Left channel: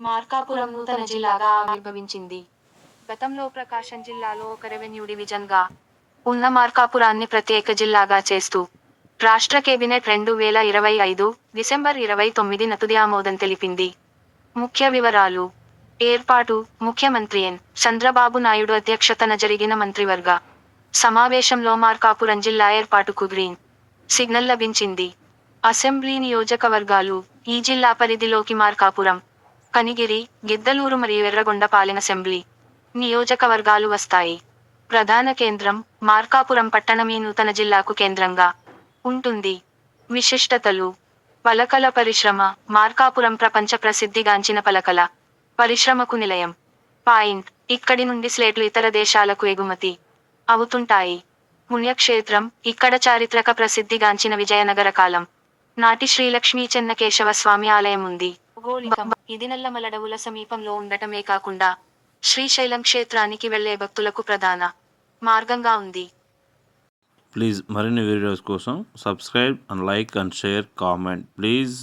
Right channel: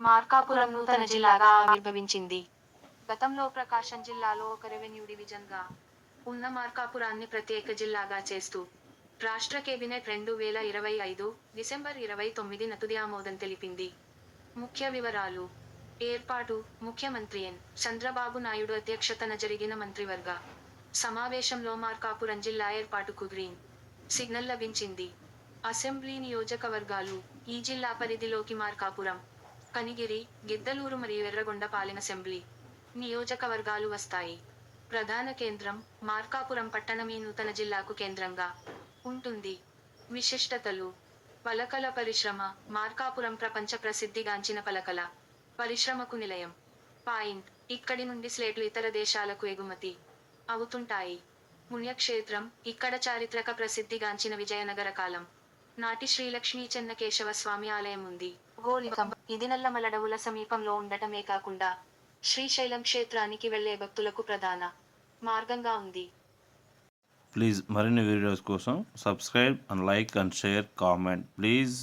మార్కాపురం నూతన జిల్లాగా ఆవిర్భవించింది. గతంలో ప్రకాశం జిల్లాలో ఒక రెవెన్యూ డివిజన్గా ఉన్న మార్కాపురాన్ని ప్రత్యేక జిల్లాగా చేస్తూ రాష్ట్ర కేబినెట్ 2025 డిసెంబర్ 29న తుది ఆమోదం తెలిపింది. ముఖ్య వివరాలు: ఏర్పాటు: ముఖ్యమంత్రి ఎన్. చంద్రబాబు నాయుడు అధ్యక్షతన జరిగిన మంత్రివర్గ సమావేశంలో మార్కాపురం జిల్లా ఏర్పాటుకు గ్రీన్ సిగ్నల్ లభించింది. అసెంబ్లీ నియోజకవర్గాలు: ఈ జిల్లా పరిధిలోకి మార్కాపురం, కనిగిరి, గిద్దలూరు మరియు ఎర్రగొండపాలెం అసెంబ్లీ నియోజకవర్గాలు వస్తాయి. ప్రధాన కేంద్రం: మార్కాపురం పట్టణం ఈ నూతన జిల్లాకు కేంద్రంగా ఉంటుంది. విశిష్టతలు: పలకల పరిశ్రమ: మార్కాపురం ప్రపంచ ప్రసిద్ధిగాంచిన పలకల పరిశ్రమకు నిలయం. పాయింట్: ఇక్కడి నుండి స్లేట్లు ఇతర దేశాలకు ఎగుమతి అవుతుంటాయి. పుణ్యక్షేత్రం: ఇక్కడ చారిత్రక ప్రసిద్ధిగాంచిన విజయనగర కాలం నాటి శ్రీలక్ష్మీ చెన్నకేశవ స్వామి ఆలయం ఉంది. భౌగోళికం: ఇది నల్లమలడవుల సమీపంలో ఉండటమే కాకుండా శ్రీశైలం క్షేత్రానికి వెళ్లే భక్తులకు ప్రధాన మార్గంగా ఉంది. ప్లీజ్ మరిన్ని వీడియోస్ కోసం subscribe and like and share comment please.